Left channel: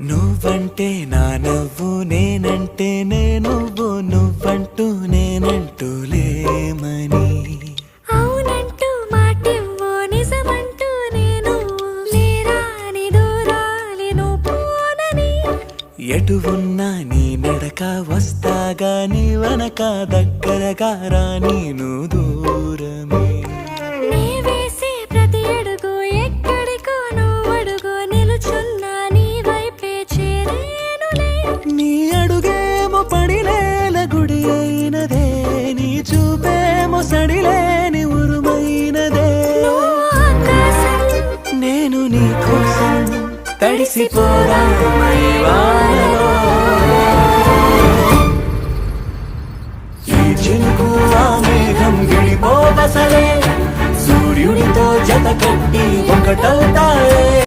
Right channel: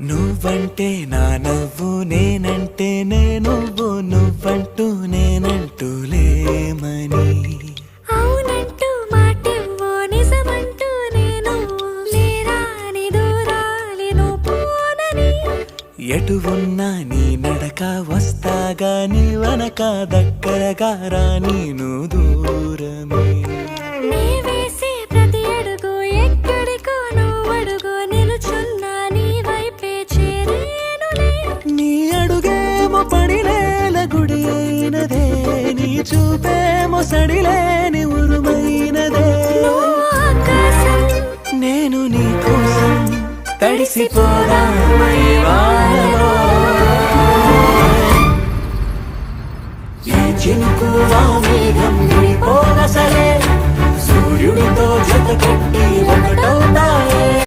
నువ్వంటే నా నవ్వు నేనంటే నువ్వు నువ్వంటూ నేనంటూ లేమని అవునంటూ మాటివ్వు నిజమంటూ నేను లేరాని దూరాలను పోనని ఎటు ఉన్నా నీ నడక వస్తాగా నీ వనక దగ్గరగా రాని నువ్వు దూరమే నీ వేసే ప్రతి అడుగు ఎక్కడికో నువ్వు అడుగు నిలుచున్నా నీ వైపే చేరేనులే నీ అడుగేమో పడినేల గుడి అయినదే నీ చూపేమో సడిలేని ఉరుమైనదే నువ్వు ఆకాశం నేను నీ కోసం తడిసిపోదామై వానలో ఏ చినుకు ఆ మేఘం విడిపోన సరే సూర్యుడితో జత కట్టి ఒకటవుతాయి